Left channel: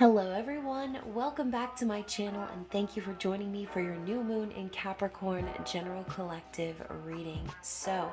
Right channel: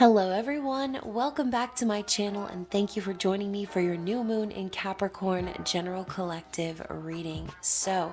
Hello everyone, welcome back to my channel and thank you for joining me for your new moon in Capricorn general collective reading. So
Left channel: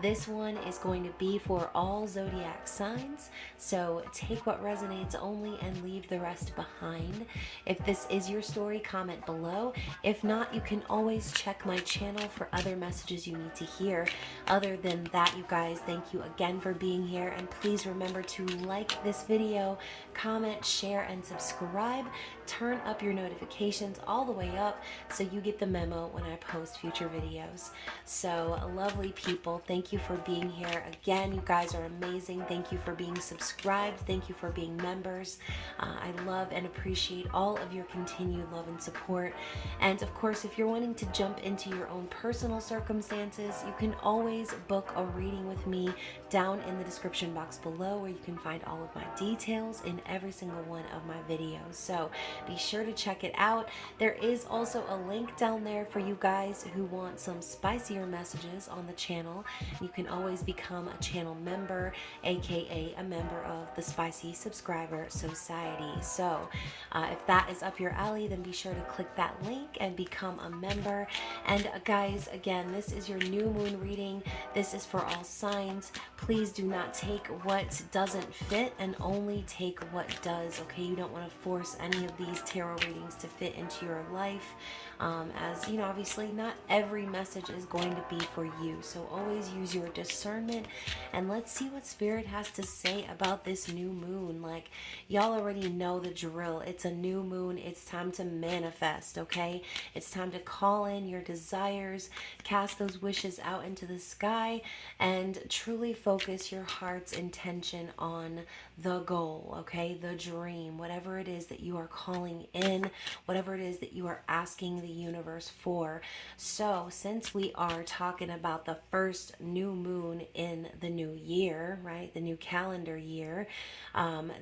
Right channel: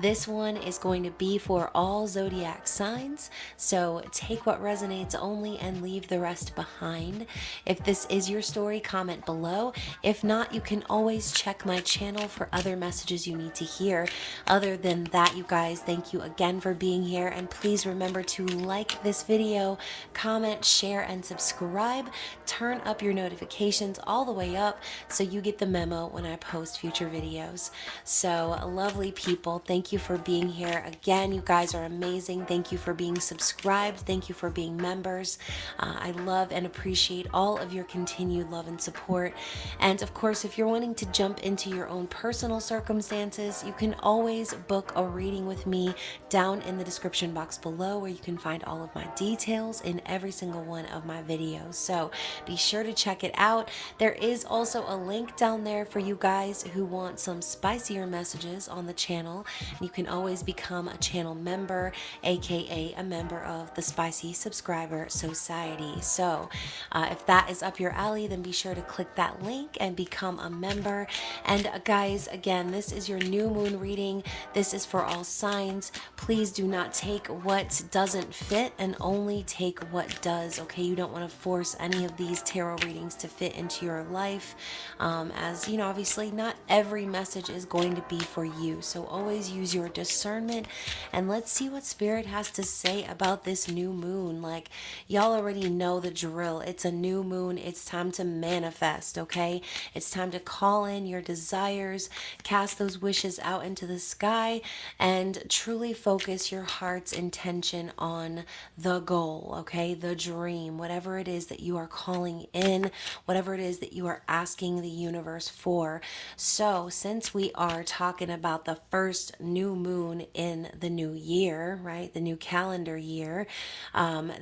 this one is going to be for all zodiac signs, so take what resonates only and leave the rest behind. If this is your story, comment below. If not, you can always check my channel for other messages you need to hear. Other than that, you guys, thank you again for being here, and please remember to like this video, comment, share, and subscribe. Turn up your notifications all the way up so you get the memo when I post future videos. So lovely people, thank you for being here. Again, you guys are amazing. Thank you for being subscribed. Thank you for being members. I love and appreciate all of your continued love and support. And of course, if you're wanting to jump into your own personal circumstances, you can always book a reading with me down in the description box below, where you can find all of my details in every single one of my videos. So be sure to check it out. There is also a link down there for you guys who want some spicier messages on the channel. You can always become a channel member, aka a member of the Spicy Subscriber Society. So if that is up your alley, then be sure to click that link and become a member. And guys, again, this is your new moon reading. This is for all signs. Please do not take what doesn't fit and only take what does, okay? You don't want to force any of these tarot readings to fit into your life. As you know, obviously not every message is going to be for you. So always use your discernment, and let's see what Spirit has to say about this new moon. Like, y'all already know the drill. It's a new moon. It's time to manifest, okay? It's time to call in your desires, cast those wishes out into the sky, and truly focus your heart's intention on the goal, okay? The dream, whatever it is that you are calling in, whatever it is that you are asking the universe for. So since we are talking about the first new moon in the new year, right? The new calendar year,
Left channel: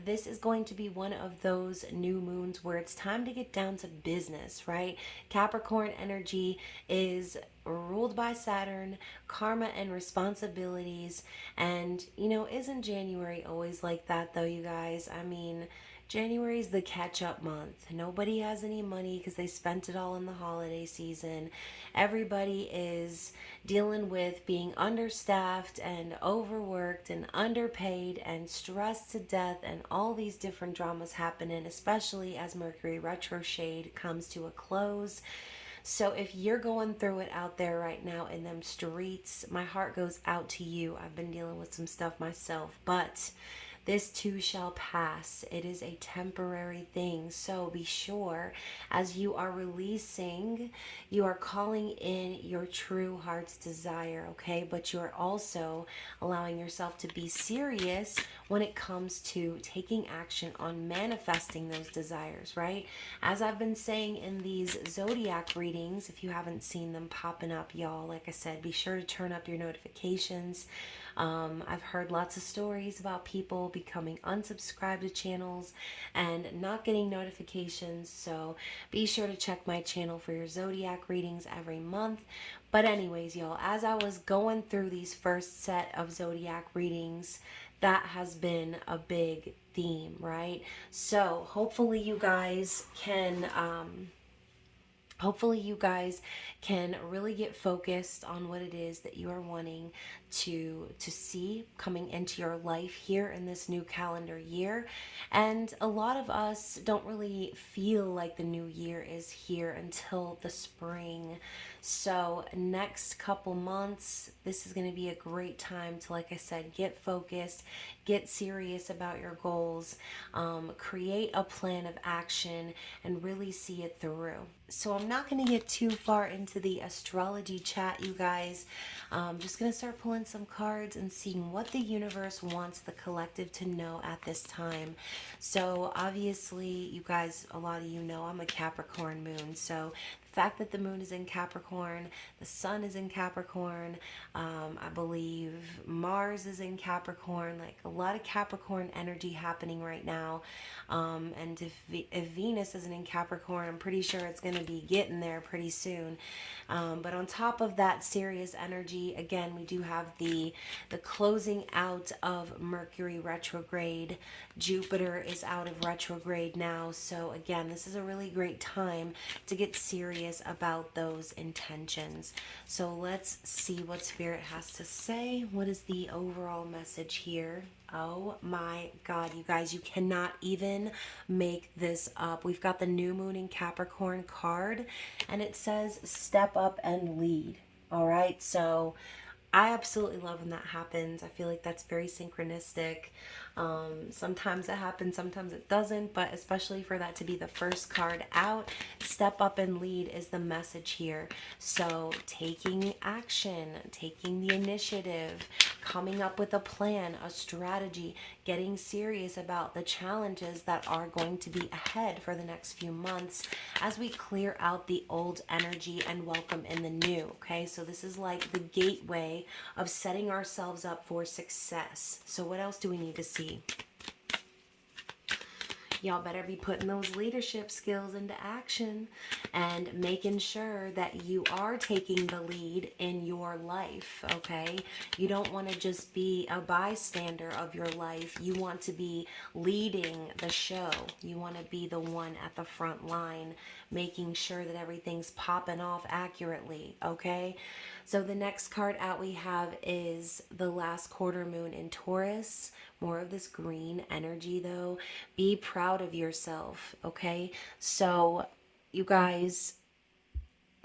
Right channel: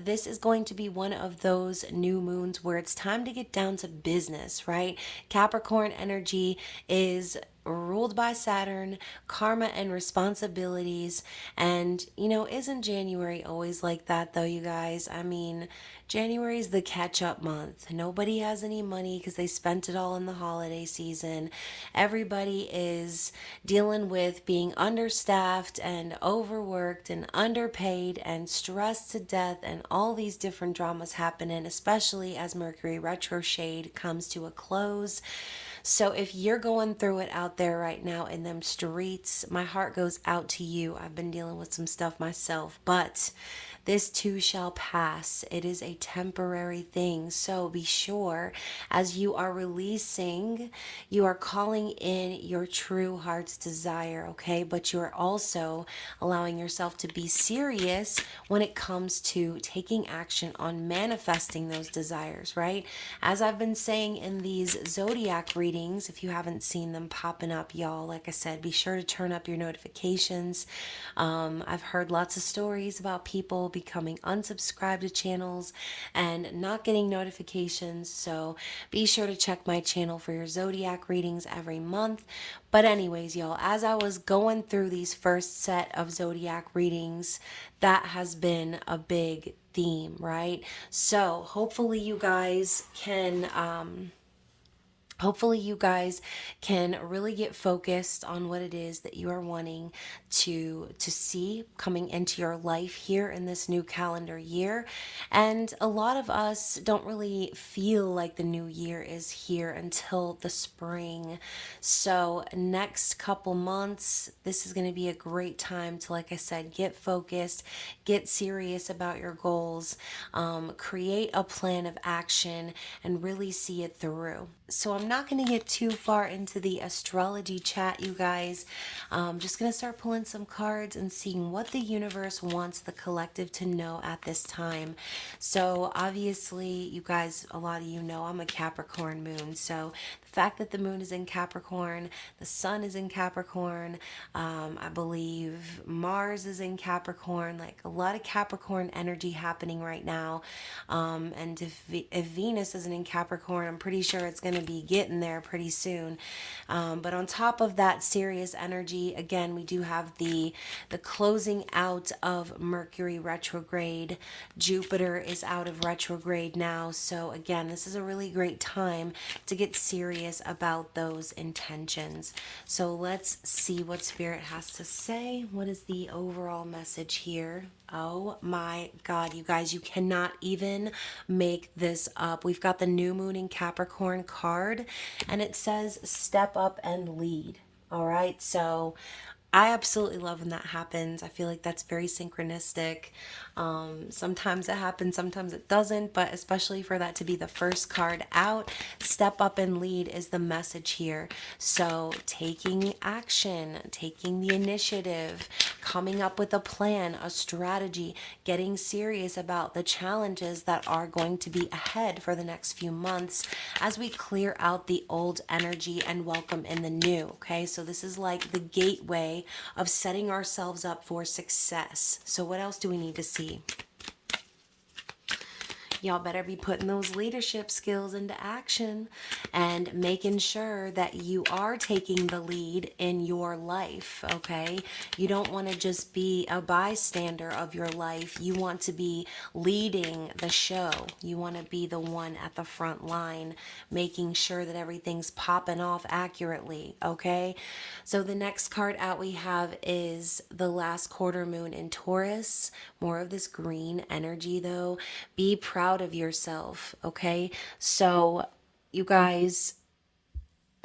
this is going to be one of those new moons where it's time to get down to business, right? Capricorn energy is ruled by Saturn, karma and responsibilities. And, you know, isn't January always like that though, you guys? I mean, January is the catch-up month. Nobody has any money because they spent it all in the holiday season. Everybody is dealing with being understaffed and overworked and underpaid and stressed to death, and all these different dramas happening, especially as Mercury retrograde comes to a close. So if you're going through it out there right now in them streets, my heart goes out to you. I've been dealing with some stuff myself, but this too shall pass. It is a temporary thing. So be sure, as you are releasing, you are calling in your true heart's desire, okay? But you are also allowing yourself to be serious when it comes to taking action on manifesting those desires, right? As I've been saying in these zodiac readings, if you haven't seen them popping up, y'all, like I said, be sure to turn up your notifications. I've heard lots of stories about people becoming unsubscribed to channels and not getting notifications. So be sure to check my channel for your zodiac readings every month. But anyways, y'all, as I was going through these first set of zodiac readings, that has been a big theme, right? So hopefully you guys can really get focused on what it is that you are wanting to see coming into your life here in this new calendar year. And a lot of us don't really feel like the new year is here until the spring. So next couple months, this is going to be a great time to, like I said, get focused, get serious about your goals, create a plan of action, and really see it through. So I'm not going to get too far into the astrology chat, you guys. I'm just going to start pulling some cards and seeing what the universe wants the collective to know at this time. So obviously, you guys, a lot of you know I'm a Capricorn moon. So the fact that the moon is in Capricorn, the sun is in Capricorn, I believe Mars is in Capricorn, like a lot of Capricorn energy happening right now. And if Venus isn't in Capricorn, I'm pretty sure it's going to be getting there pretty soon. But on top of that serious energy, again, we do have the closing out of Mercury retrograde. Jupiter is out of retrograde now. So again, this is a really great time to get serious about those intentions. So let's see what Spirit has to say. What is the overall message here? Oh my God, you guys, you cannot even make this up. We've got the new moon in Capricorn card, and it says step up and lead. All right, so I absolutely love when that happens. I feel like that's very synchronistic. Sometimes it happens, sometimes it doesn't, but especially for that to be the first card out, step up and lead is the message here. So taking action, taking the initiative, coming up with a plan, a strategy, getting serious about the challenges that are going to be ahead for the next few months as we clear out the old energy and welcome in the new. Okay, so this is like the gateway of setting ourselves up for success. So what else do we need to see? Y'all better be putting those leadership skills into action and making sure that you are taking the lead in your life, okay? You don't want to just be a bystander of your life. You want to be leading the show. You want to be the one at the front line, making sure that everything's popping off accurately, okay? So the next card out we have is the last quarter moon in Taurus. More of this green energy though. Be proud of yourself, okay? So you guys,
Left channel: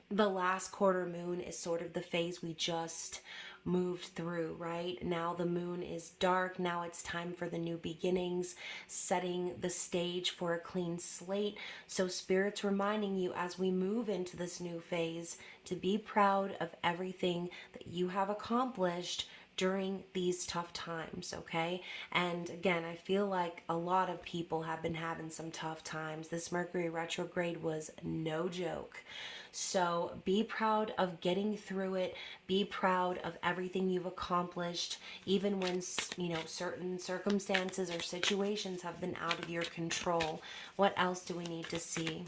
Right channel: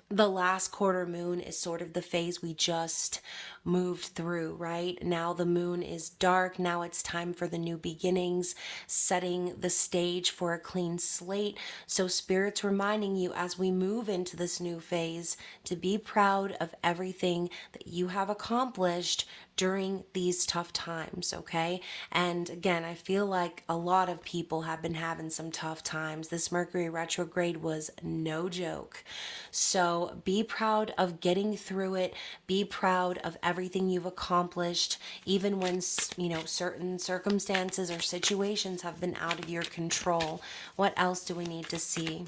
the last quarter moon is sort of the phase we just moved through, right? Now the moon is dark. Now it's time for the new beginnings, setting the stage for a clean slate. So Spirit's reminding you as we move into this new phase to be proud of everything that you have accomplished during these tough times, okay? And again, I feel like a lot of people have been having some tough times. This Mercury retrograde was no joke. So be proud of getting through it. Be proud of everything you've accomplished, even when, you know, certain circumstances or situations have been out of your control. What else do we need to see?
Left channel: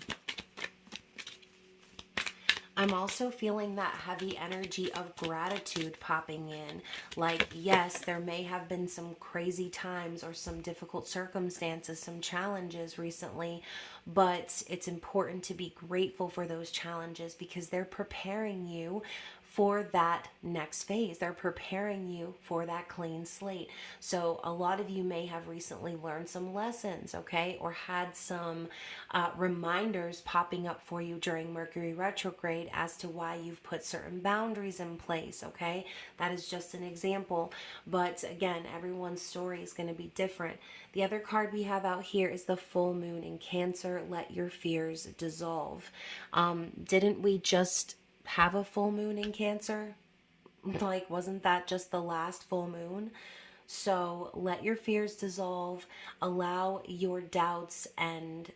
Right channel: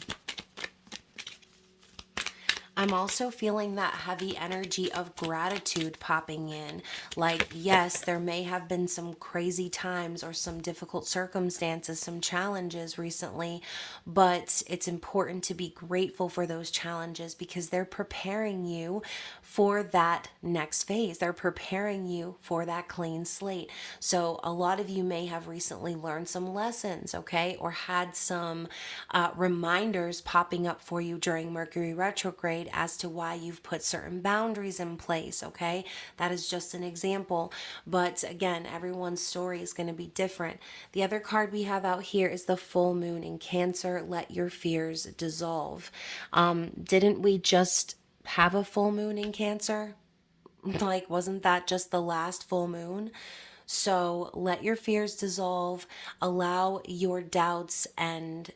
I'm also feeling that heavy energy of gratitude popping in. Like, yes, there may have been some crazy times or some difficult circumstances, some challenges recently, but it's important to be grateful for those challenges because they're preparing you for that next phase. They're preparing you for that clean slate. So a lot of you may have recently learned some lessons, okay, or had some reminders popping up for you during Mercury retrograde as to why you've put certain boundaries in place, okay? That is just an example. But again, everyone's story is going to be different. The other card we have out here is the full moon in Cancer. Let your fears dissolve. Didn't we just have a full moon in Cancer? Like, wasn't that just the last full moon? So let your fears dissolve, allow your doubts and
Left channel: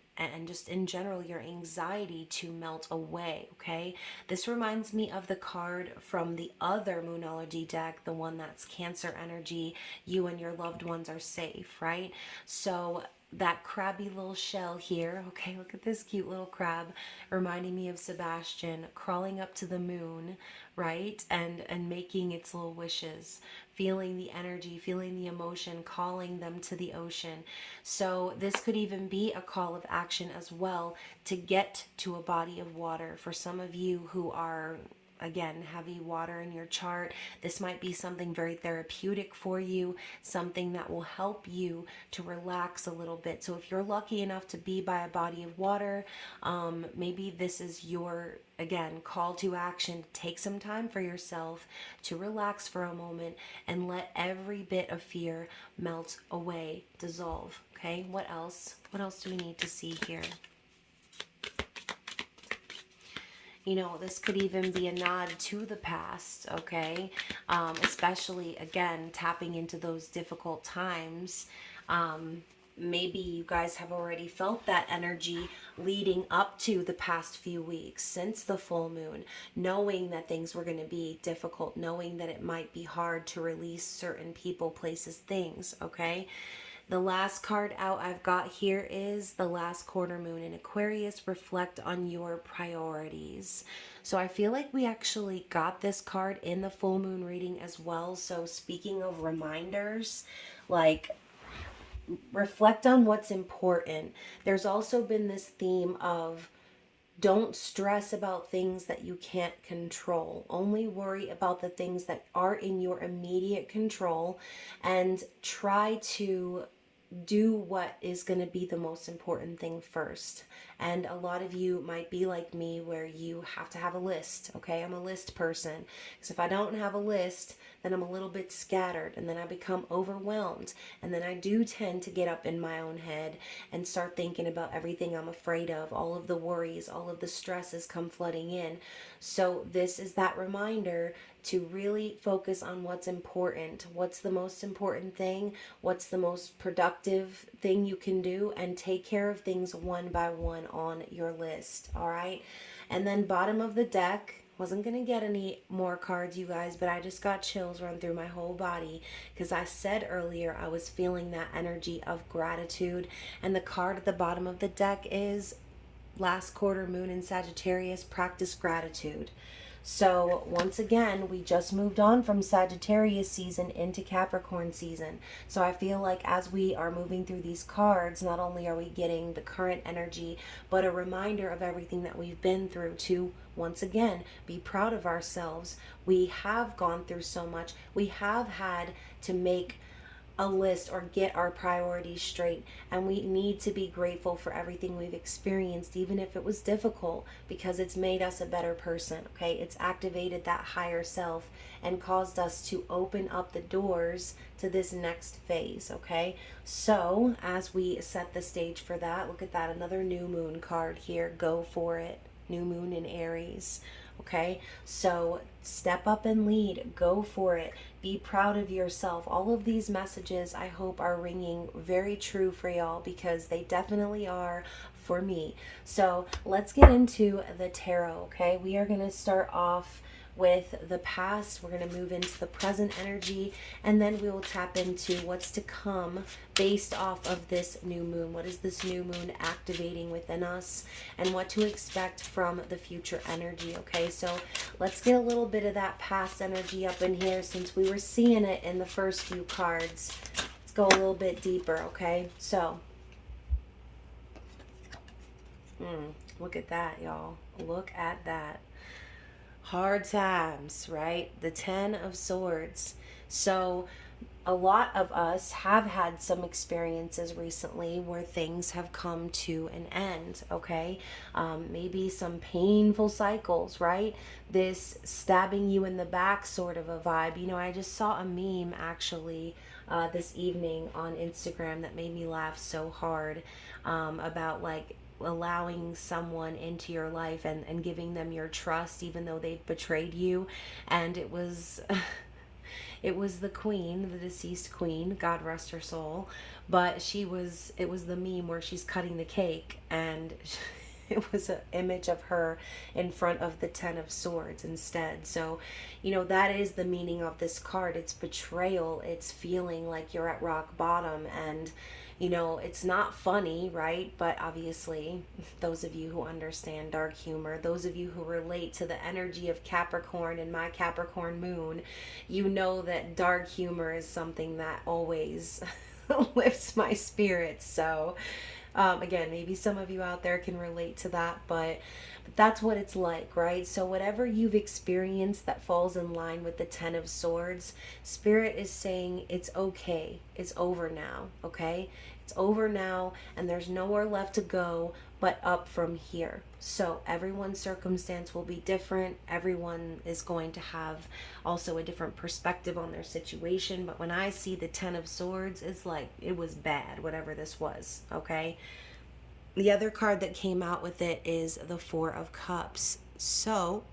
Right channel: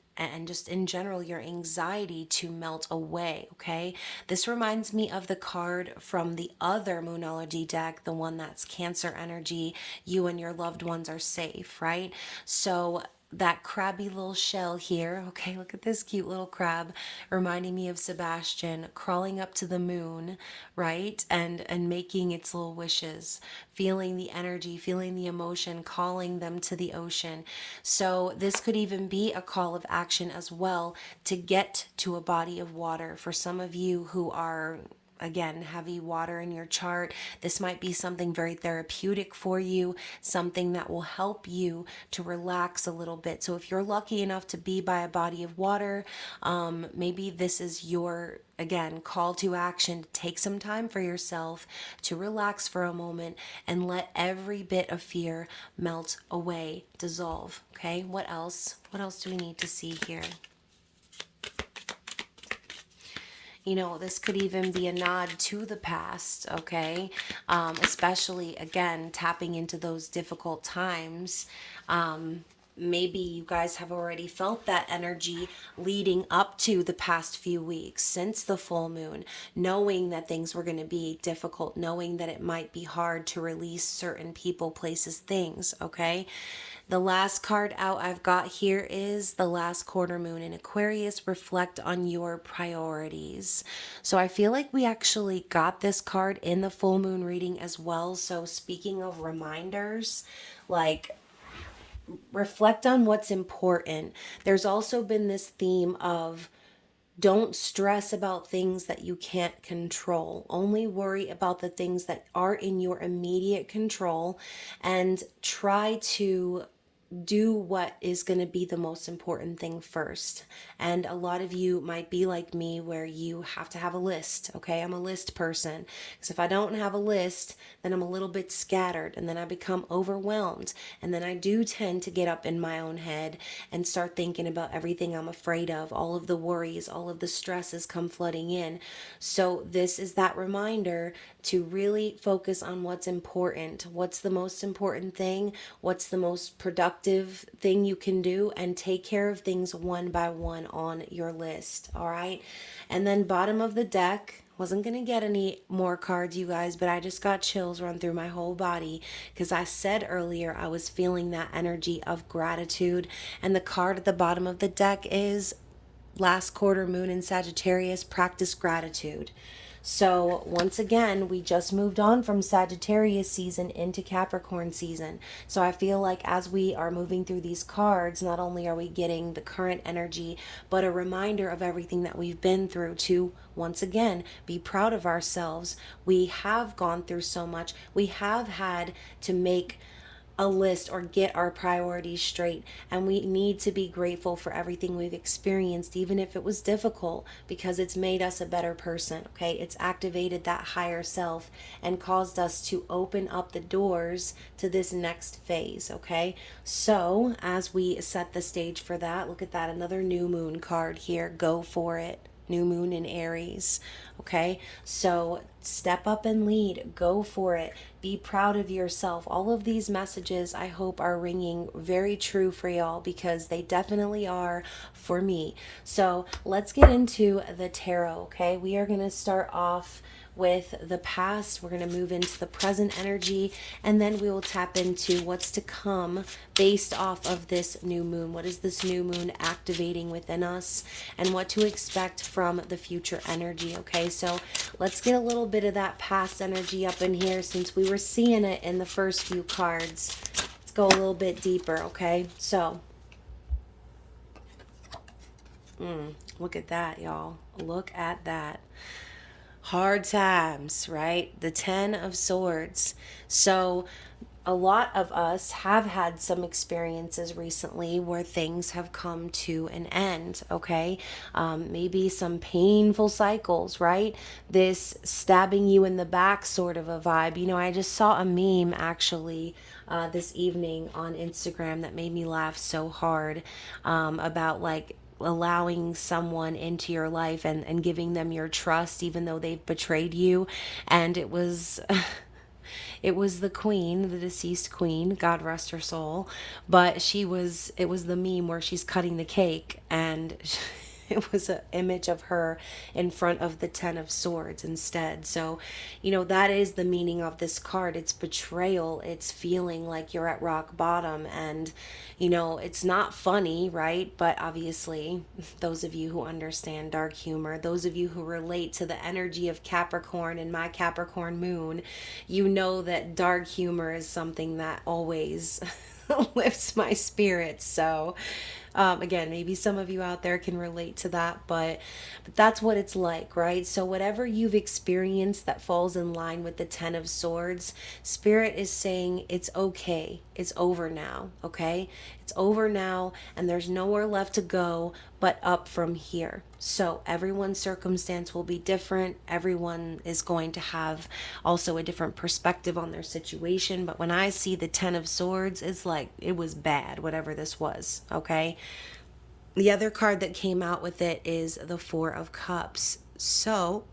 just in general your anxiety to melt away, okay? This reminds me of the card from the other Moonology deck, the one that's Cancer energy. You and your loved ones are safe, right? So that crabby little shell here, okay, look at this cute little crab reminding me of Sebastian crawling up to the moon, right? And making its little wishes, feeling the energy, feeling the emotion, calling them to the ocean. So this could even be a call of action as well to get to a body of water. For some of you who are, again, heavy water in your chart, this might be something very therapeutic for you, something that will help you to relax a little bit. So if you're lucky enough to be by a body of water, maybe this is your, again, call to action to take some time for yourself to relax for a moment and let every bit of fear melt away, dissolve. Okay, what else? What else do we need to see here? You know, this could even be a nod to the past, okay? Especially, again, tapping into those difficult times. Maybe you guys have already felt that energy leading up to the past few weeks since the full moon, knowing that things were going to be difficult, knowing that it might be hard to release certain people, places, things, okay? The last card out I've got here is the last quarter moon in Aquarius. Reflect on your priorities. So I feel like we actually got this card in the full moon reading as well. So speaking of reminders, like, reflect on what's important. There's also been this theme of don't stress about things that you can't control. Only worry about the things that are in your immediate control, and try to do what is going to be the most important thing first. And a lot of you might be like me where you have to have a list. Okay, I'm a list person, because if I don't have a list, then I'm a little bit scattered, and then I become overwhelmed, and then I do tend to get up in my own head and start thinking about everything I'm afraid of, all of the worries, all of the stresses come flooding in. So this is that reminder to really focus on what's important. What's the most important thing? What's the most productive thing you can do? And take care of things one by one on your list. All right. And then bottom of the deck, wasn't going to get any more cards, you guys, but I just got chills run through my whole body because I said earlier I was feeling that energy of gratitude. And the card at the bottom of the deck is last quarter moon in Sagittarius, practice gratitude. So once again, we just moved on from Sagittarius season into Capricorn season. So I feel like as we are moving through these cards, not only are we getting the current energy, but a reminder of everything that we've been through to, once again, be proud of ourselves. We have gone through so much. We have had to make a list or get our priorities straight, and we need to be grateful for everything we've experienced, even if it was difficult, because it's made us a better person. Okay, it's activated that higher self and caused us to open up the doors to this next phase. Okay, so as we set the stage for that, look at that, another new moon card here. Go for it. New moon in Aries. Okay, so step up and lead. Go for it. Be proud of yourself. All of these messages I hope are ringing very true for y'all, because they definitely are for me. So let's get into the tarot. Okay, we are going to start off with the past. We're going to move into the present energy, and then we will tap into what's to come based off of this new moon. What is this new moon activating within us, and what to expect from the future energy. Okay, so let's get a little bit of that past energy up in here, since we were seeing it in the first few cards. Let's go a little bit deeper. Okay, so look at that, y'all. Look at that. Hard times, right? The 10 of Swords. So a lot of us have had some experiences recently where things have come to an end. Okay, maybe some painful cycles, right? This stabbing you in the back sort of a vibe. You know, I just saw a meme actually this evening on Instagram that made me laugh so hard, about like allowing someone into your life and giving them your trust even though they've betrayed you. And it was it was the queen, the deceased queen, God rest her soul, but it was the meme where she's cutting the cake, and it was an image of her in front of the 10 of Swords instead. So, you know, that is the meaning of this card. It's betrayal. It's feeling like you're at rock bottom, and, you know, it's not funny, right? But obviously, those of you who understand dark humor, those of you who relate to the energy of Capricorn and my Capricorn moon, you know that dark humor is something that always lifts my spirits. So, again, maybe some of you out there can relate to that, but that's what it's like, right? So whatever you've experienced that falls in line with the 10 of Swords, Spirit is saying it's okay. It's over now, okay? It's over now, and there's nowhere left to go but up from here. So everyone's circumstance will be different. Everyone is going to have also a different perspective on their situation. But when I see the 10 of Swords, it's like it was bad, whatever this was, okay? The other card that came out with it is the 4 of Cups. So,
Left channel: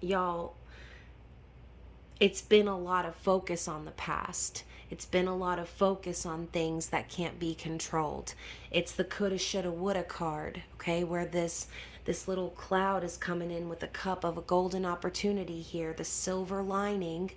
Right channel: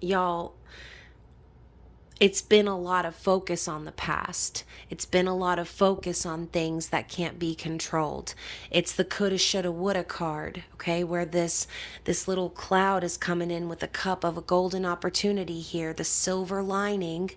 y'all, it's been a lot of focus on the past. It's been a lot of focus on things that can't be controlled. It's the coulda, shoulda, woulda card, okay, where this little cloud is coming in with a cup of a golden opportunity here, the silver lining,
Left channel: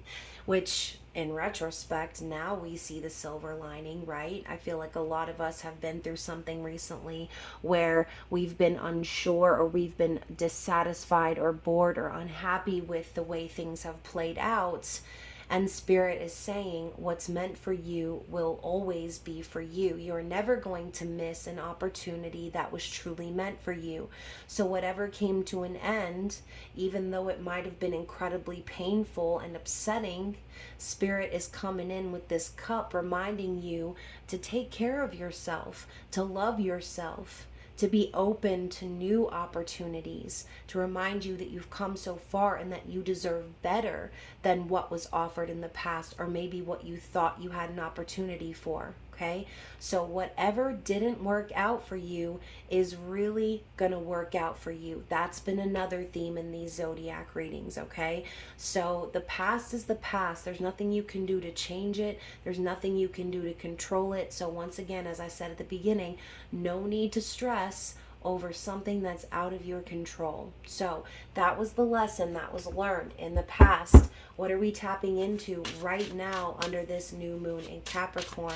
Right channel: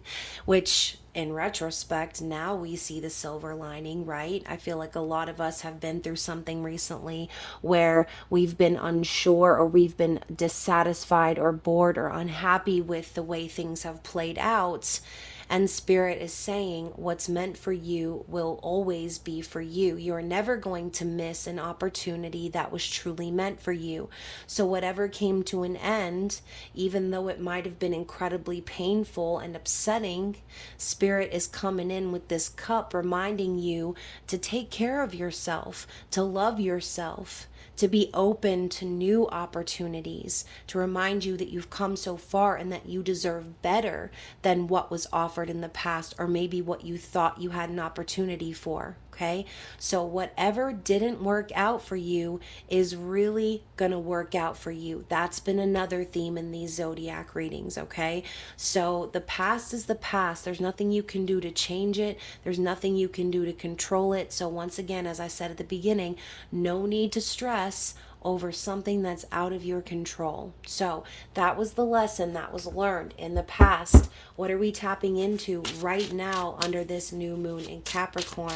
which in retrospect, now we see the silver lining, right? I feel like a lot of us have been through something recently where we've been unsure or we've been dissatisfied or bored or unhappy with the way things have played out. And Spirit is saying what's meant for you will always be for you. You're never going to miss an opportunity that was truly meant for you. So whatever came to an end, even though it might have been incredibly painful and upsetting, Spirit is coming in with this cup reminding you to take care of yourself, to love yourself, to be open to new opportunities, to remind you that you've come so far and that you deserve better than what was offered in the past, or maybe what you thought you had an opportunity for. Okay, so whatever didn't work out for you is really gonna work out for you. That's been another theme in these zodiac readings. Okay, so the past is the past. There's nothing you can do to change it. There's nothing you can do to control it. So once again, as I said at the beginning, no need to stress over something that's out of your control. So that was the lesson that was learned in the past. What are we tapping into right now under this new moon in Capricorn?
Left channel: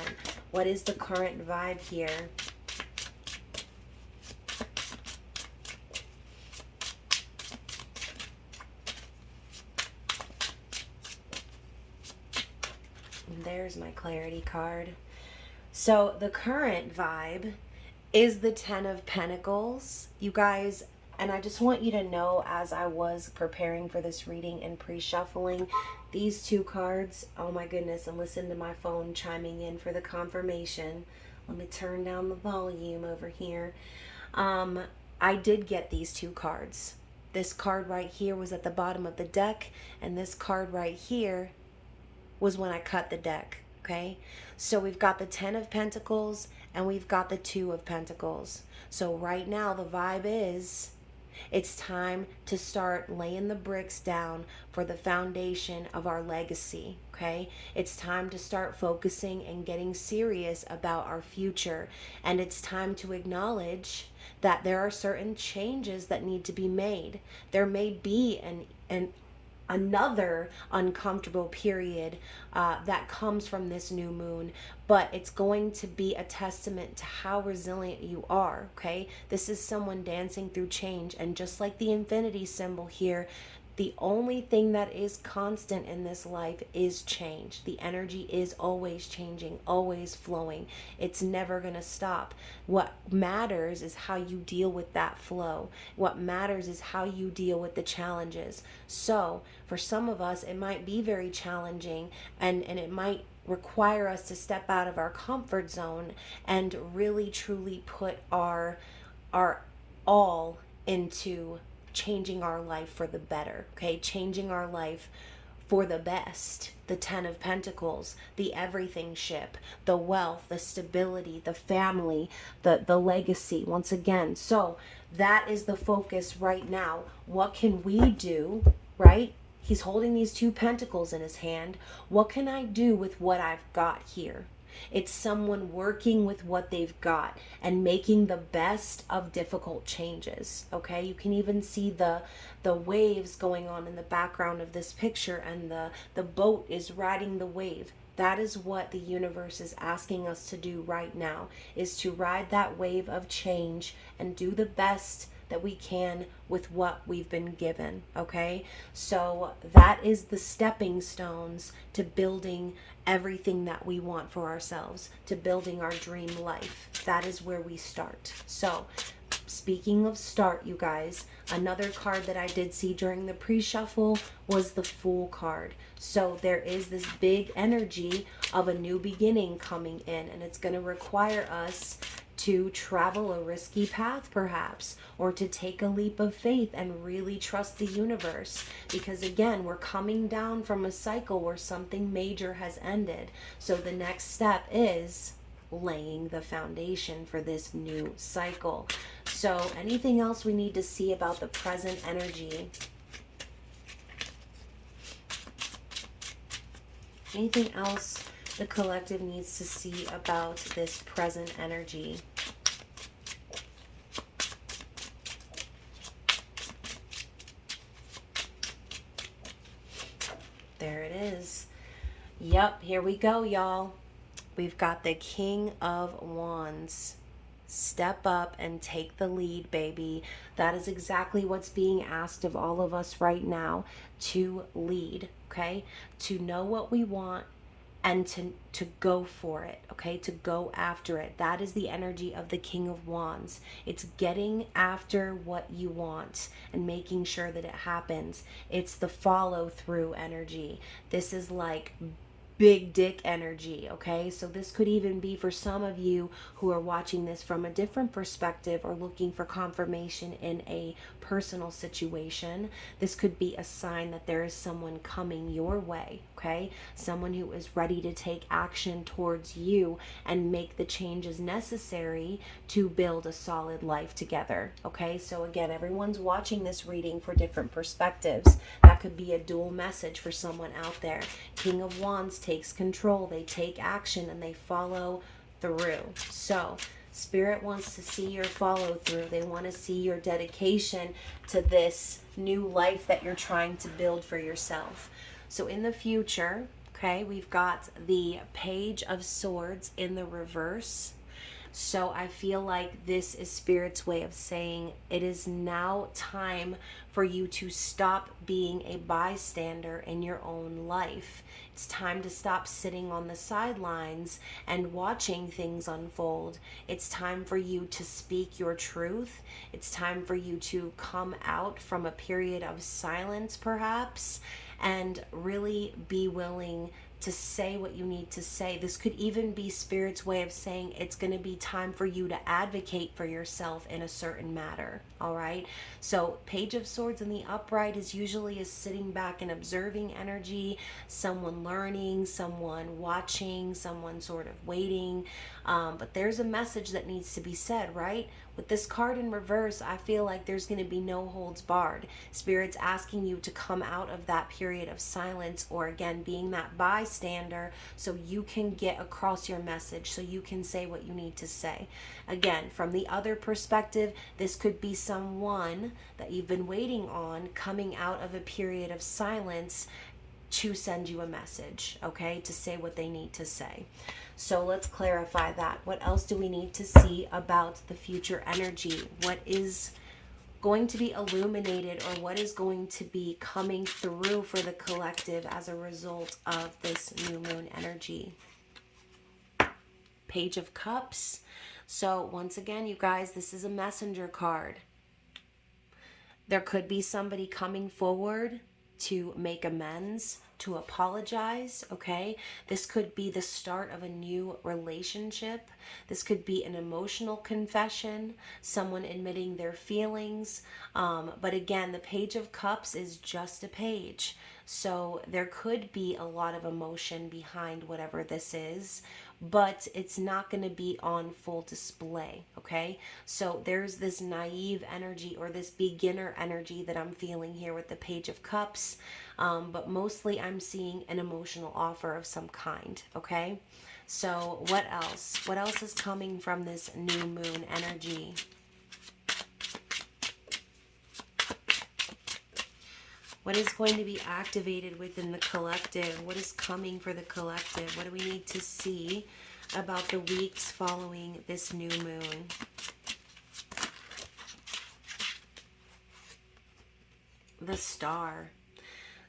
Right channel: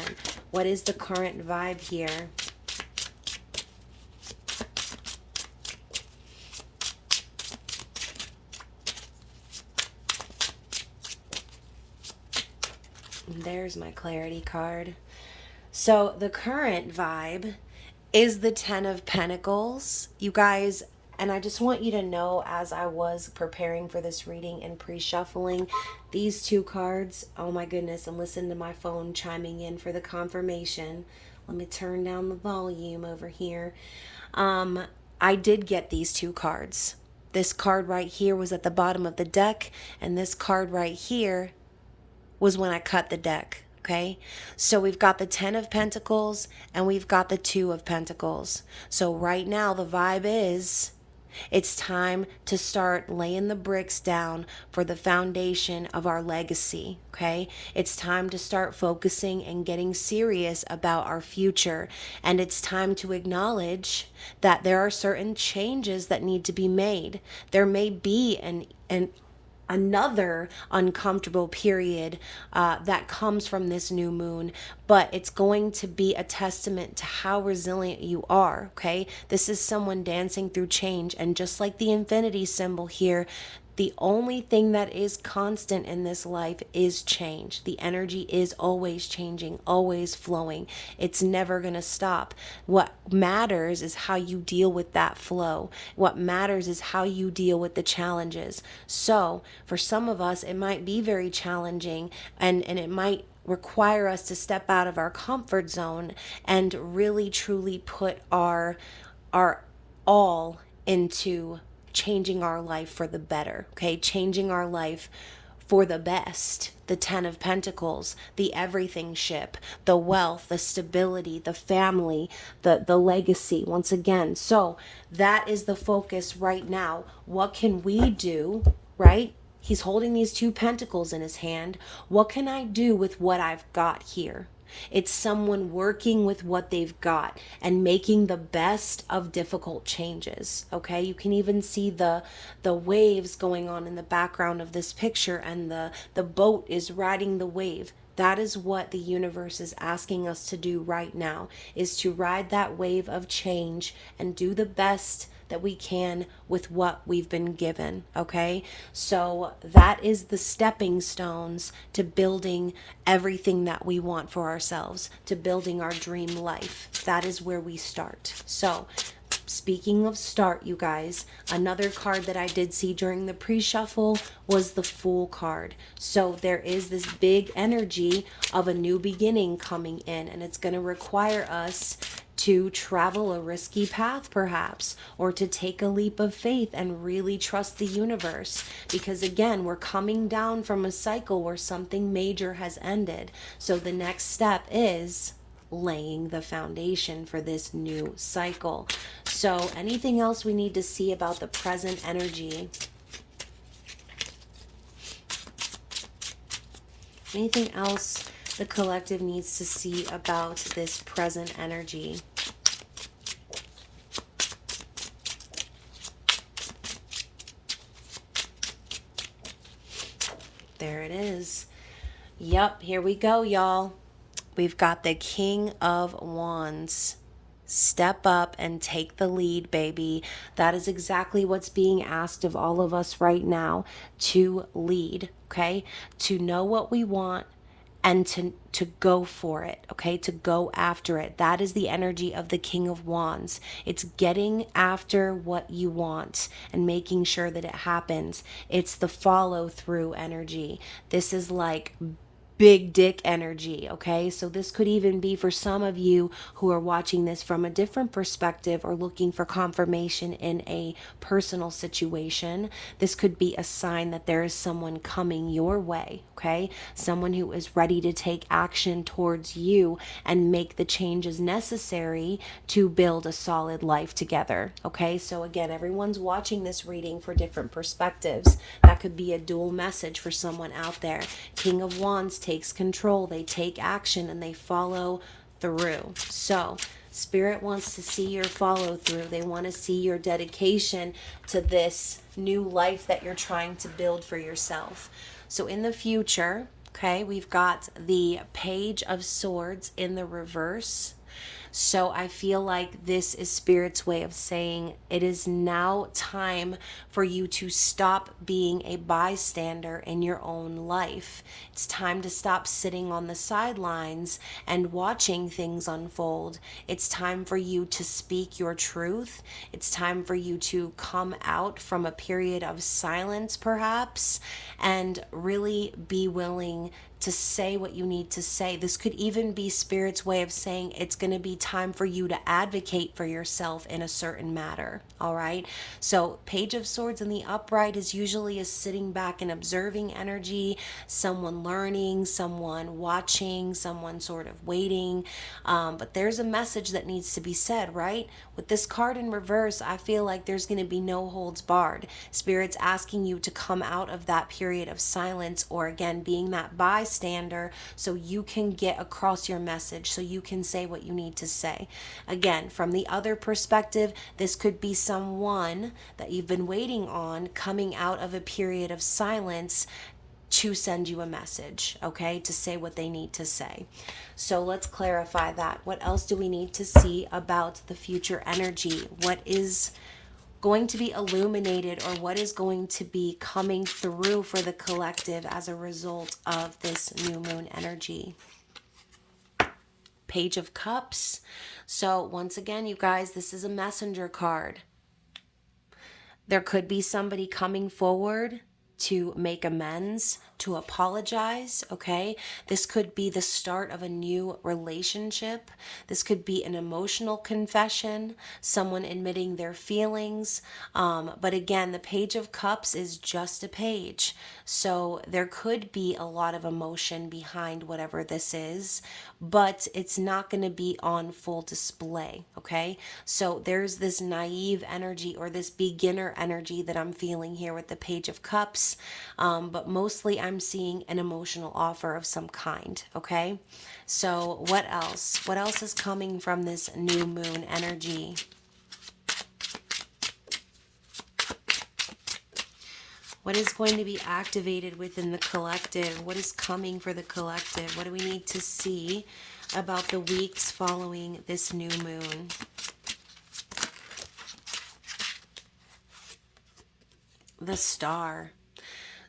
What is the current vibe here? There's my clarity card. So the current vibe is the Ten of Pentacles, you guys. And I just want you to know, as I was preparing for this reading and pre-shuffling these two cards, oh my goodness, and listen to my phone chiming in for the confirmation. Let me turn down the volume over here. I did get these two cards. This card right here was at the bottom of the deck, and this card right here was when I cut the deck. Okay, so we've got the Ten of Pentacles and we've got the Two of Pentacles. So right now the vibe is it's time to start laying the bricks down for the foundation of our legacy. Okay, it's time to start focusing and getting serious about our future. And it's time to acknowledge that there are certain changes that need to be made. There may be another uncomfortable period that comes from this new moon, but it's going to be a testament to how resilient you are. Okay, this is someone dancing through change, and just like the infinity symbol here, the only thing that is constant in this life is change. The energy is always changing, always flowing. It's never going to stop. What matters is how you deal with that flow. What matters is how you deal with the challenges. So for some of us, it might be very challenging, and it might require us to step out of our comfort zone and really truly put our all into changing our life for the better. Okay, changing our life for the best. The Ten of Pentacles, the everything ship, the wealth, the stability, the family, the legacy, once again. So that is the focus right now. What can we do, right? He's holding these two pentacles in his hand. What can I do with what I've got here? It's someone working with what they've got and making the best of difficult changes. Okay, you can even see the waves going on in the background of this picture, and the boat is riding the wave. That is what the universe is asking us to do right now, is to ride that wave of change and do the best that we can with what we've been given. Okay, so that is the stepping stones to building everything that we want for ourselves, to building our dream life. That is where we start. So speaking of start, you guys, another card that I did see during the pre-shuffle was the Fool card. So there is this big energy of a new beginning coming in, and it's going to require us to travel a risky path perhaps, or to take a leap of faith and really trust the universe, because again, we're coming down from a cycle where something major has ended. So the next step is laying the foundation for this new cycle. So anything else we need to see about the present energy? Anything else the collective needs to see about this present energy? There it is. Yup, here we go, y'all. We've got the King of Wands. Step up and take the lead, baby. That is exactly what's being asked of all of us right now, to lead, okay? To know what we want and to go for it, okay? To go after it. That is the energy of the King of Wands. It's getting after what you want and making sure that it happens. It's the follow through energy. This is like big dick energy, okay? So this could even be for some of you who are watching this from a different perspective or looking for confirmation in a personal situation. This could be a sign that there is someone coming your way, okay? Someone who is ready to take action towards you and make the changes necessary to build a solid life together, okay? So again, everyone's watching this reading for different perspectives. That could be a dual message for someone out there. King of Wands takes control, they take action, and they follow through. So Spirit wants to see your follow through. They want to see your dedication to this new life that you're trying to build for yourself. So in the future, okay, we've got the Page of Swords in the reverse. So I feel like this is Spirit's way of saying it is now time for you to stop being a bystander in your own life. It's time to stop sitting on the sidelines and watching things unfold. It's time for you to speak your truth. It's time for you to come out from a period of silence, perhaps, and really be willing to say what you need to say. This could even be Spirit's way of saying it's going to be time for you to advocate for yourself in a certain matter. All right. So Page of Swords in the upright is usually a sitting back and observing energy, someone learning, someone watching, someone sort of waiting. But there's a message that needs to be said, right? With this card in reverse, I feel like there's going to be no holds barred. Spirit's asking you to come out of that period of silence, or again, being that bystander, so you can get across your message, so you can say what you need to say. Again, from the other perspective, this could be someone that you've been waiting on coming out of a period of silence to send you a message, okay, to say what they need to say. So let's clarify that. What else do we need to see about the future energy? What is going to be illuminated, or what is going to be coming through for the collective as a result of this new moon energy? Page of Cups. So once again, you guys, this is a messenger card. There could be somebody coming forward to make amends, to apologize, okay? This could be the start of a new relationship. This could be an emotional confession, someone admitting their feelings. But again, the Page of Cups is just a page. So there could be a lot of emotion behind whatever this is, but it's not going to be on full display, okay? So there's this naive energy, or this beginner energy that I'm feeling here with the Page of Cups, but mostly I'm seeing an emotional offer of some kind, okay? So what else? What else is coming from this new moon energy? What is going to be activated within the collective? What is coming for the collective? What do we need to see about the weeks following this new moon? The Star.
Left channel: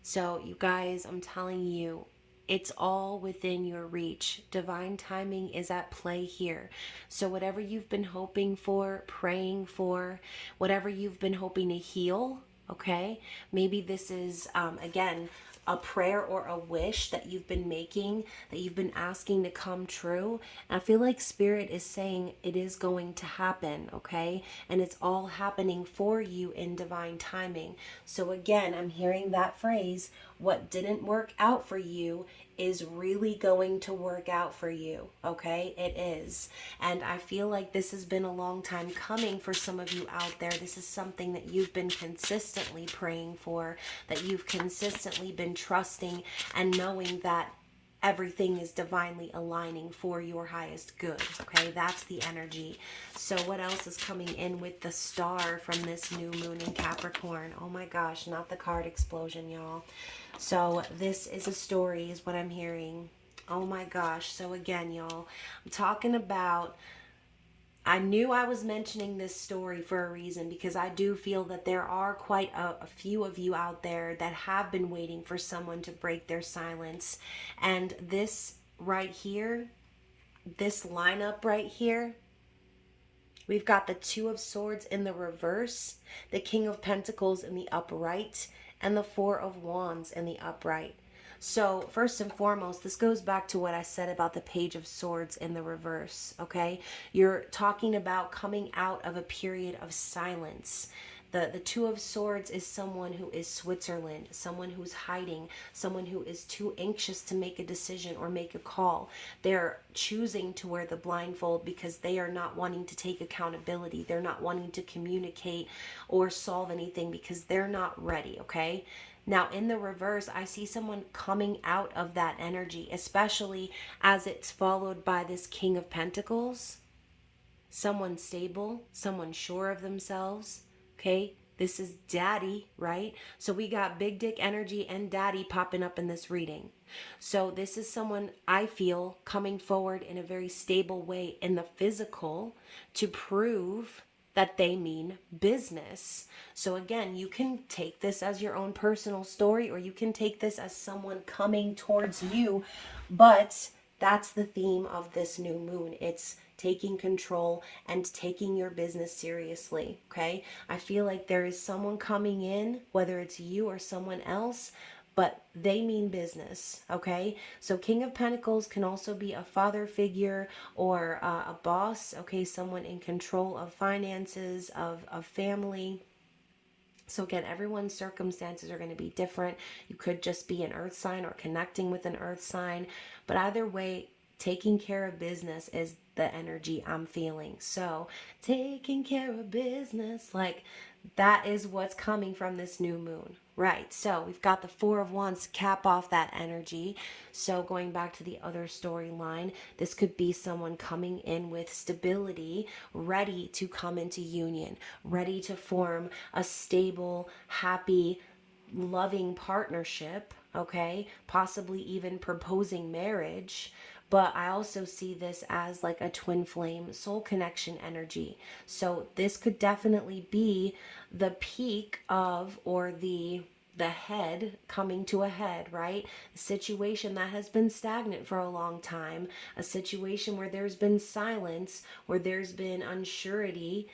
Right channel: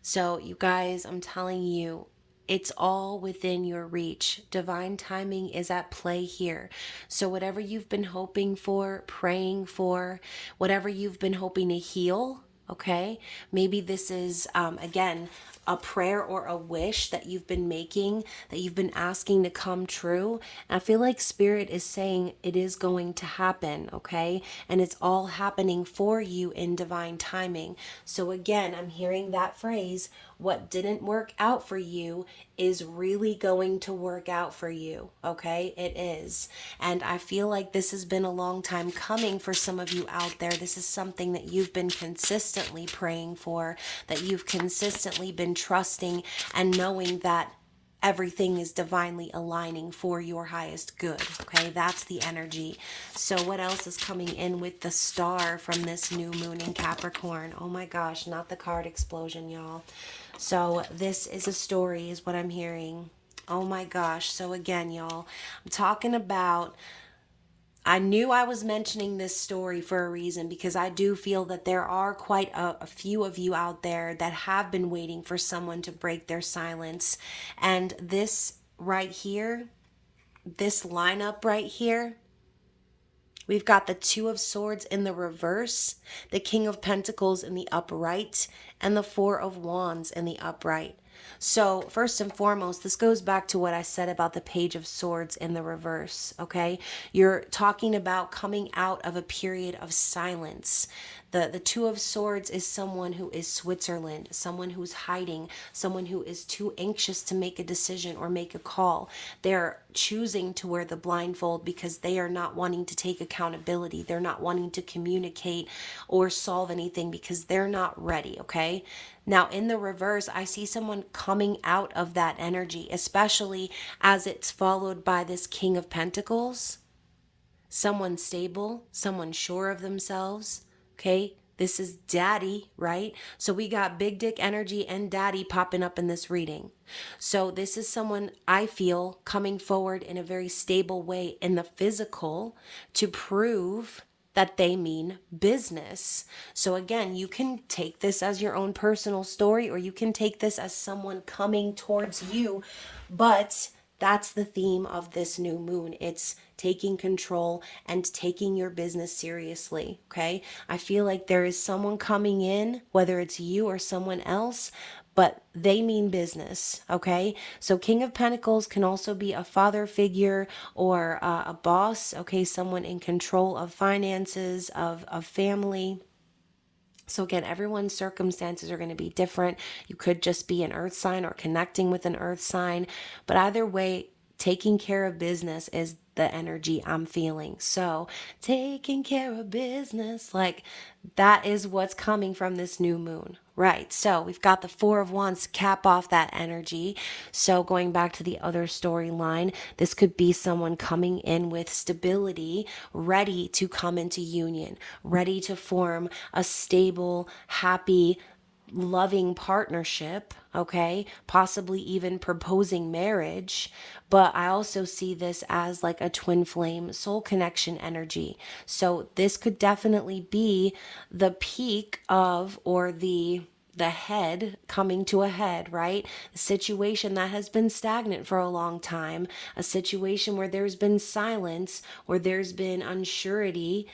So you guys, I'm telling you, it's all within your reach. Divine timing is at play here. So whatever you've been hoping for, praying for, whatever you've been hoping to heal, okay? Maybe this is, again, a prayer or a wish that you've been making, that you've been asking to come true. And I feel like Spirit is saying it is going to happen, okay? And it's all happening for you in divine timing. So again, I'm hearing that phrase, what didn't work out for you is really going to work out for you, okay? It is. And I feel like this has been a long time coming for some of you out there. This is something that you've been consistently praying for, that you've consistently been trusting and knowing that everything is divinely aligning for your highest good. Okay, that's the energy. So what else is coming in with the star from this new moon in Capricorn? Oh my gosh, not the card explosion, y'all. So this is a story, is what I'm hearing. Oh my gosh. So again, y'all, I'm talking about, I knew I was mentioning this story for a reason, because I do feel that there are quite a few of you out there that have been waiting for someone to break their silence. And this right here, this lineup right here, we've got the Two of Swords in the reverse, the King of Pentacles in the upright, and the Four of Wands in the upright. So first and foremost, this goes back to what I said about the Page of Swords in the reverse, okay? You're talking about coming out of a period of silence. The Two of Swords is someone who is Switzerland, someone who's hiding, someone who is too anxious to make a decision or make a call. They're choosing to wear the blindfold because they are not wanting to take accountability. They're not wanting to communicate or solve anything because they're not ready, okay? Now, in the reverse, I see someone coming out of that energy, especially as it's followed by this King of Pentacles. Someone stable, someone sure of themselves. Okay, this is daddy, right? So we got big dick energy and daddy popping up in this reading. So this is someone, I feel, coming forward in a very stable way in the physical to prove that they mean business. So again, you can take this as your own personal story, or you can take this as someone coming towards you, but that's the theme of this new moon. It's taking control and taking your business seriously, okay? I feel like there is someone coming in, whether it's you or someone else, but they mean business, okay? So King of Pentacles can also be a father figure or a boss, okay? Someone in control of finances, of family. So again, everyone's circumstances are going to be different. You could just be an earth sign or connecting with an earth sign. But either way, taking care of business is the energy I'm feeling. So taking care of business, like that is what's coming from this new moon. Right. So we've got the Four of Wands to cap off that energy. So going back to the other storyline, this could be someone coming in with stability, ready to come into union, ready to form a stable, happy, loving partnership, okay? Possibly even proposing marriage. But I also see this as like a twin flame soul connection energy. So this could definitely be the peak of, or the head coming to a head, right? A situation that has been stagnant for a long time, a situation where there's been silence, where there's been unsurety.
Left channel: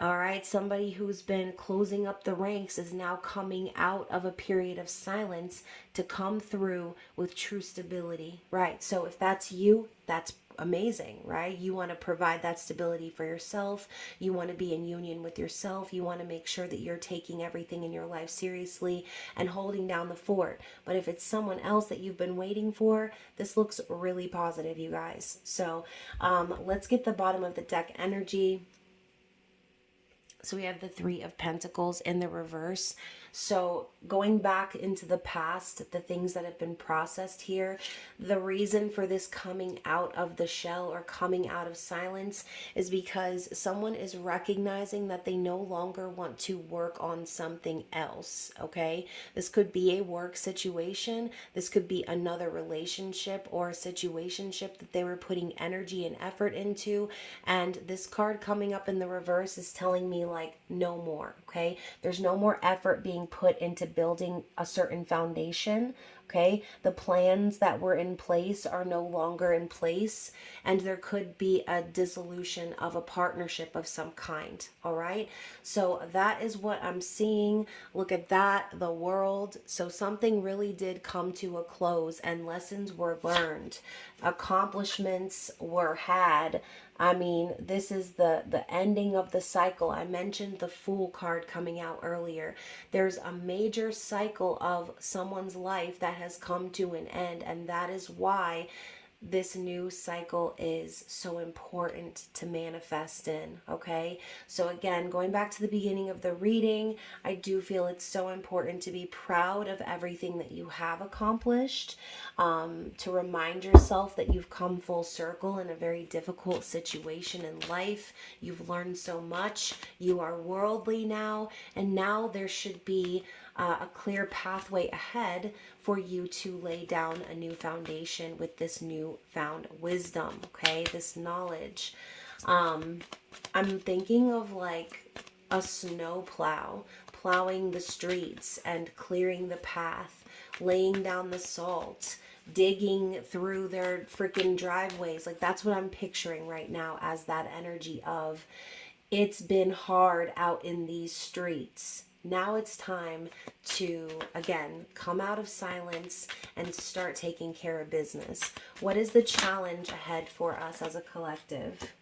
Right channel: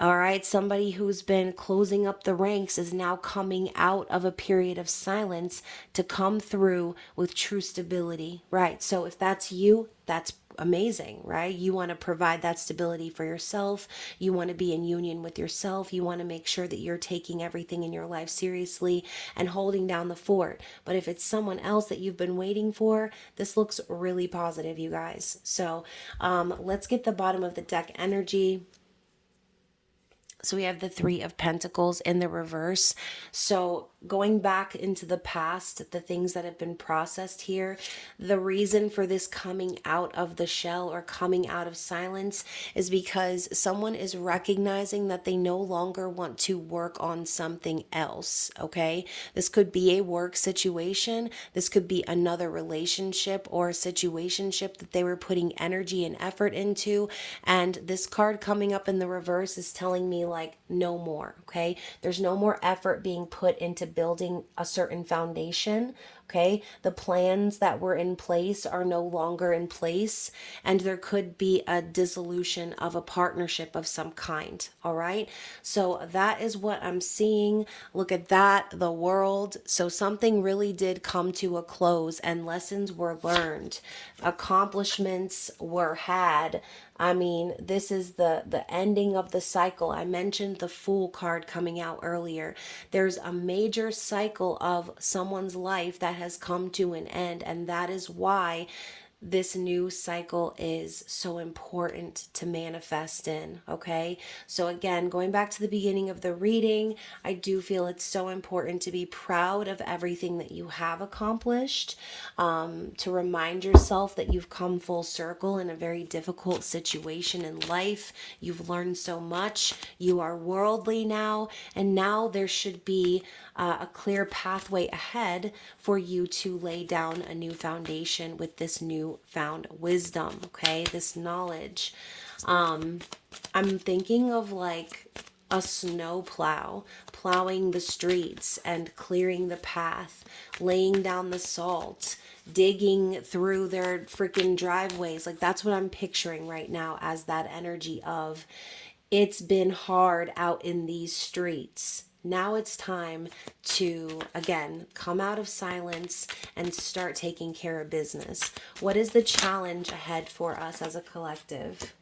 All right, somebody who's been closing up the ranks is now coming out of a period of silence to come through with true stability, right? So if that's you, that's amazing, right? You want to provide that stability for yourself. You want to be in union with yourself. You want to make sure that you're taking everything in your life seriously and holding down the fort. But if it's someone else that you've been waiting for, this looks really positive, you guys. So let's get the bottom of the deck energy. So we have the Three of Pentacles in the reverse. So going back into the past, the things that have been processed here, the reason for this coming out of the shell or coming out of silence is because someone is recognizing that they no longer want to work on something else, okay? This could be a work situation. This could be another relationship or a situationship that they were putting energy and effort into. And this card coming up in the reverse is telling me like no more, okay? There's no more effort being put into building a certain foundation, okay? The plans that were in place are no longer in place, and there could be a dissolution of a partnership of some kind, all right? So that is what I'm seeing. Look at that, the World. So something really did come to a close and lessons were learned. Accomplishments were had. I mean, this is the ending of the cycle. I mentioned the Fool card coming out earlier. There's a major cycle of someone's life that has come to an end, and that is why this new cycle is so important to manifest in, okay? So again, going back to the beginning of the reading, I do feel it's so important to be proud of everything that you have accomplished, to remind yourself that you've come full circle in a very difficult situation in life. You've learned so much. You are worldly now, and now there should be a clear pathway ahead for you to lay down a new foundation with this new found wisdom, okay? This knowledge. I'm thinking of like a snow plow, plowing the streets and clearing the path, laying down the salt, digging through their freaking driveways. Like that's what I'm picturing right now as that energy of it's been hard out in these streets. Now it's time to, again, come out of silence and start taking care of business. What is the challenge ahead for us as a collective?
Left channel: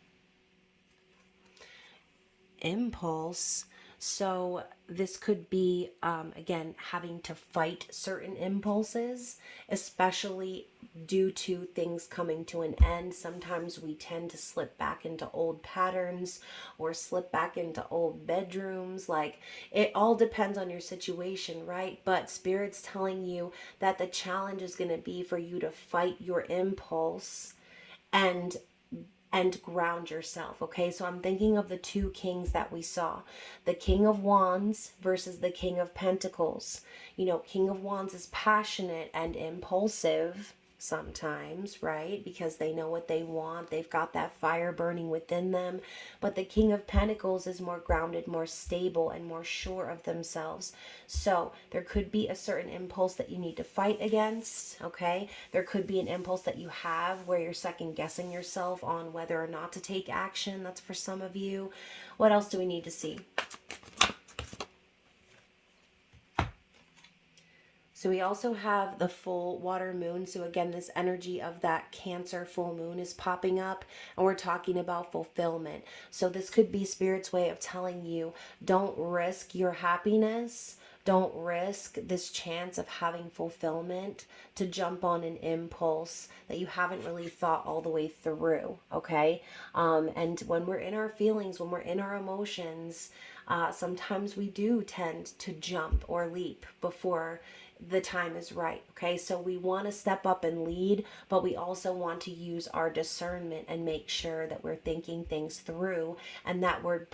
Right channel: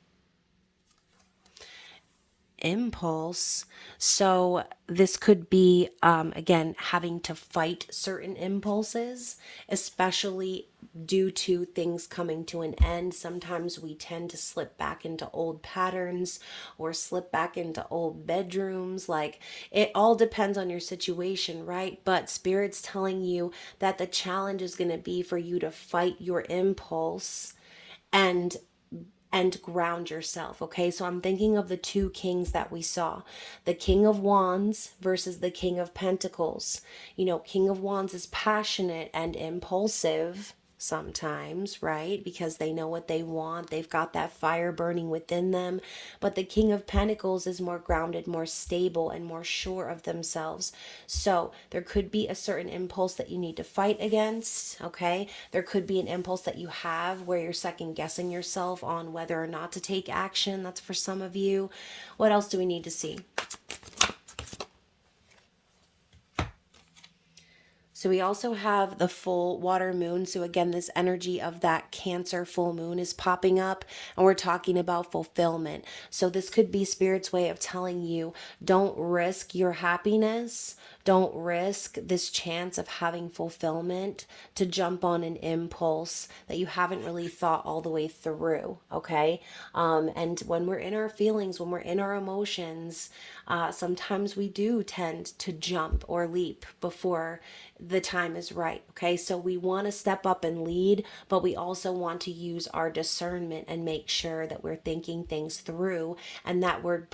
Impulse. So this could be, again, having to fight certain impulses, especially due to things coming to an end. Sometimes we tend to slip back into old patterns or slip back into old bedrooms. Like it all depends on your situation, right? But Spirit's telling you that the challenge is going to be for you to fight your impulse and ground yourself. Okay, so I'm thinking of the two kings that we saw, the King of Wands versus the King of Pentacles. You know, King of Wands is passionate and impulsive sometimes, right? Because they know what they want. They've got that fire burning within them. But the King of Pentacles is more grounded, more stable, and more sure of themselves. So there could be a certain impulse that you need to fight against, okay? There could be an impulse that you have where you're second guessing yourself on whether or not to take action. That's for some of you. What else do we need to see? So we also have the full water moon. So again, this energy of that Cancer full moon is popping up and we're talking about fulfillment. So this could be Spirit's way of telling you, don't risk your happiness. Don't risk this chance of having fulfillment to jump on an impulse that you haven't really thought all the way through, okay? And when we're in our feelings, when we're in our emotions, sometimes we do tend to jump or leap before the time is right. Okay, so we want to step up and lead, but we also want to use our discernment and make sure that we're thinking things through and that we're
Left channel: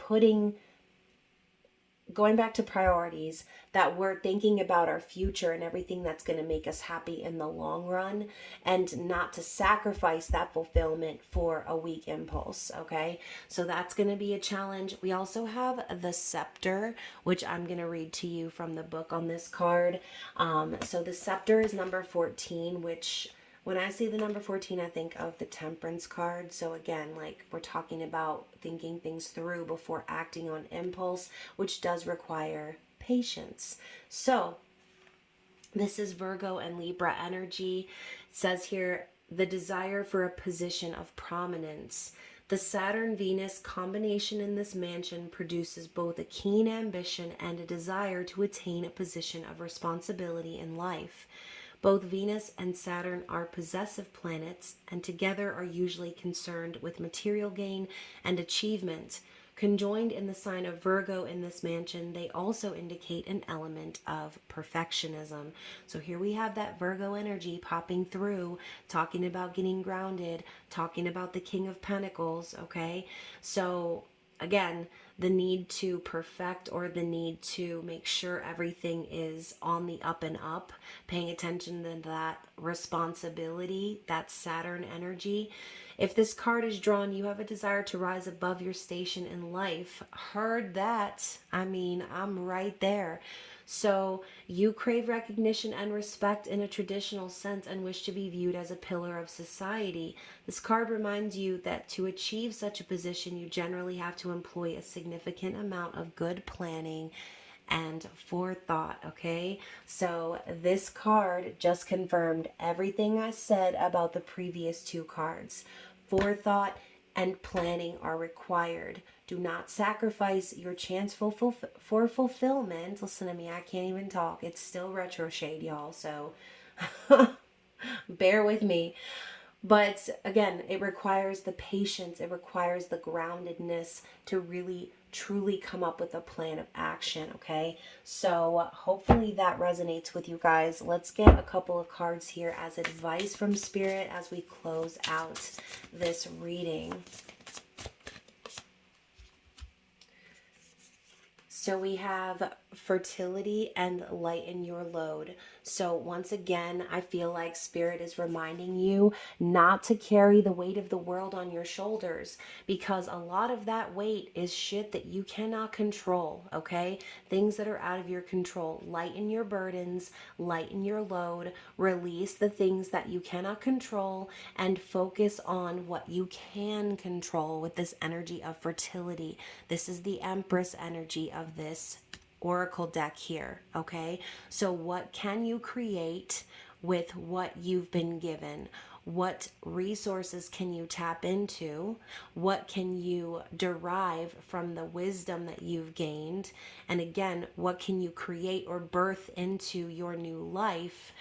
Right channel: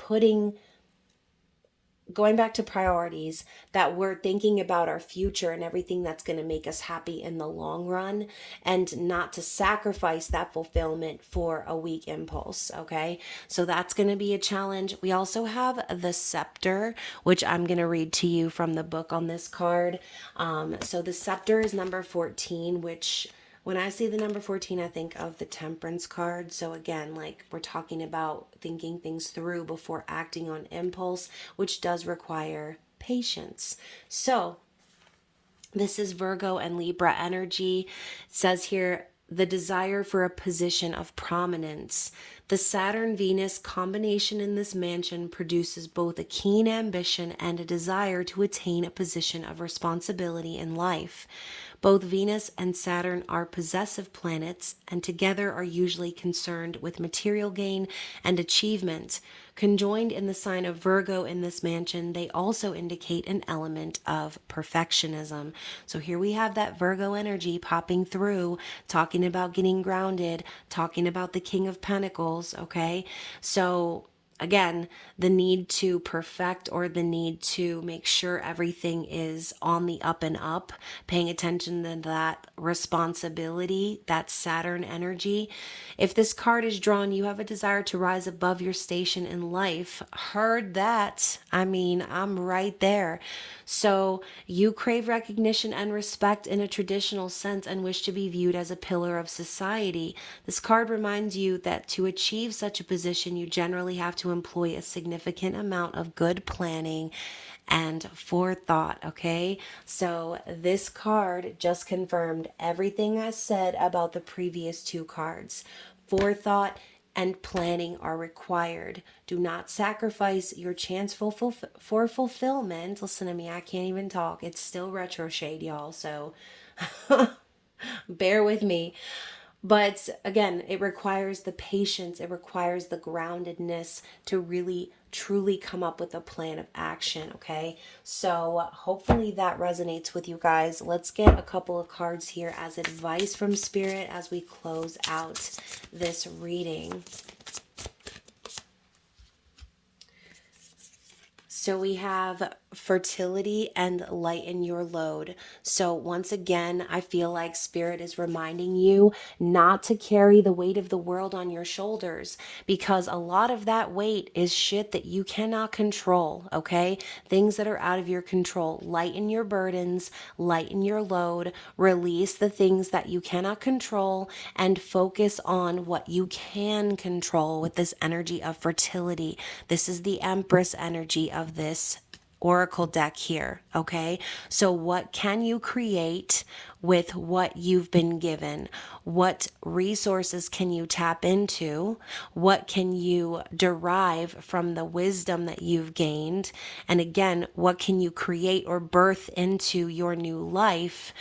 going back to priorities, that we're thinking about our future and everything that's going to make us happy in the long run, and not to sacrifice that fulfillment for a weak impulse. Okay, so that's going to be a challenge. We also have the scepter, which I'm going to read to you from the book on this card. So the scepter is number 14, which when I see the number 14, I think of the Temperance card. So again, like we're talking about thinking things through before acting on impulse, which does require patience. So this is Virgo and Libra energy. It says here, the desire for a position of prominence. The Saturn-Venus combination in this mansion produces both a keen ambition and a desire to attain a position of responsibility in life. Both Venus and Saturn are possessive planets and together are usually concerned with material gain and achievement. Conjoined in the sign of Virgo in this mansion, they also indicate an element of perfectionism. So here we have that Virgo energy popping through, talking about getting grounded, talking about the King of Pentacles, okay? So again, the need to perfect or the need to make sure everything is on the up and up, paying attention to that responsibility, that Saturn energy. If this card is drawn, you have a desire to rise above your station in life. Heard that. I mean, I'm right there. So you crave recognition and respect in a traditional sense and wish to be viewed as a pillar of society. This card reminds you that to achieve such a position, you generally have to employ a significant amount of good planning and forethought, okay? So this card just confirmed everything I said about the previous two cards. Forethought and planning are required. Do not sacrifice your chance for fulfillment. Listen to me, I can't even talk. It's still retro shade, y'all, so bear with me. But again, it requires the patience, it requires the groundedness to really truly come up with a plan of action, okay? So hopefully that resonates with you guys. Let's get a couple of cards here as advice from Spirit as we close out this reading. So we have fertility and lighten your load. So once again, I feel like Spirit is reminding you not to carry the weight of the world on your shoulders, because a lot of that weight is shit that you cannot control, okay? Things that are out of your control. Lighten your burdens, lighten your load, release the things that you cannot control, and focus on what you can control with this energy of fertility. This is the Empress energy of this oracle deck here, okay? So what can you create with what you've been given? What resources can you tap into? What can you derive from the wisdom that you've gained? And again, what can you create or birth into your new life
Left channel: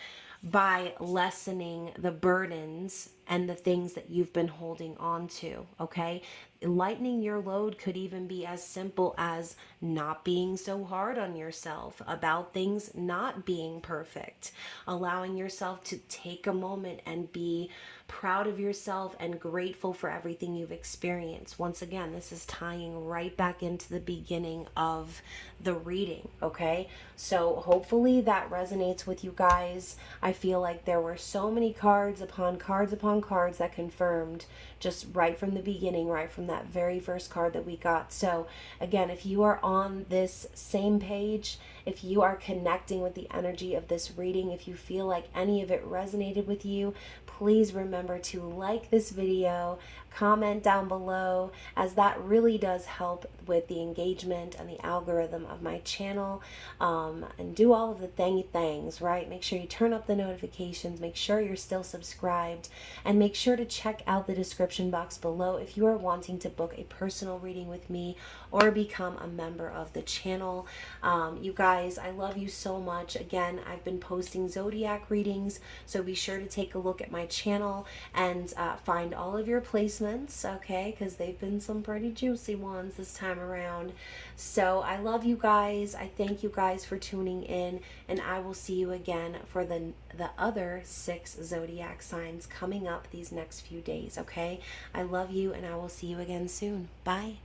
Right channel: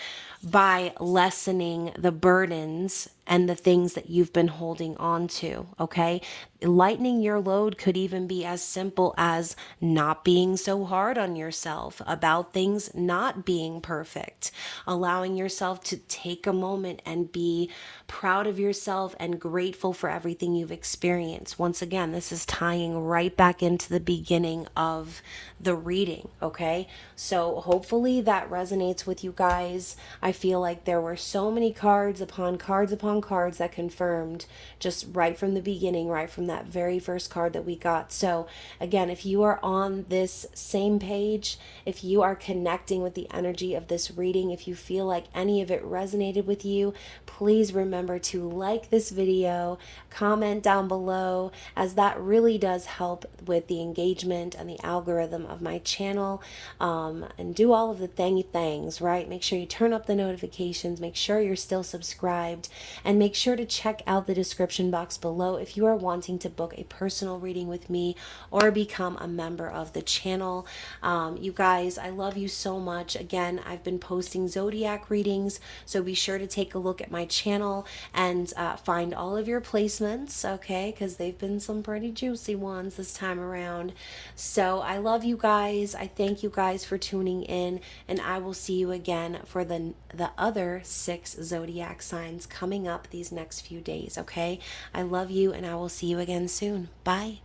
by lessening the burdens and the things that you've been holding on to, okay? Lightening your load could even be as simple as not being so hard on yourself about things not being perfect, allowing yourself to take a moment and be proud of yourself and grateful for everything you've experienced. Once again, this is tying right back into the beginning of the reading, okay? So hopefully that resonates with you guys. I feel like there were so many cards upon cards upon cards that confirmed just right from the beginning, right from that very first card that we got. So again, if you are on this same page, if you are connecting with the energy of this reading, if you feel like any of it resonated with you, please remember to like this video, comment down below, as that really does help with the engagement and the algorithm of my channel, and do all of the things, right? Make sure you turn up the notifications, make sure you're still subscribed, and make sure to check out the description box below if you are wanting to book a personal reading with me or become a member of the channel. You guys, I love you so much. Again, I've been posting zodiac readings, so be sure to take a look at my channel and find all of your placements, okay? Because they've been some pretty juicy ones this time around. So I love you guys. I thank you guys for tuning in, and I will see you again for the other 6 zodiac signs coming up these next few days, okay? I love you, and I will see you again soon. Bye.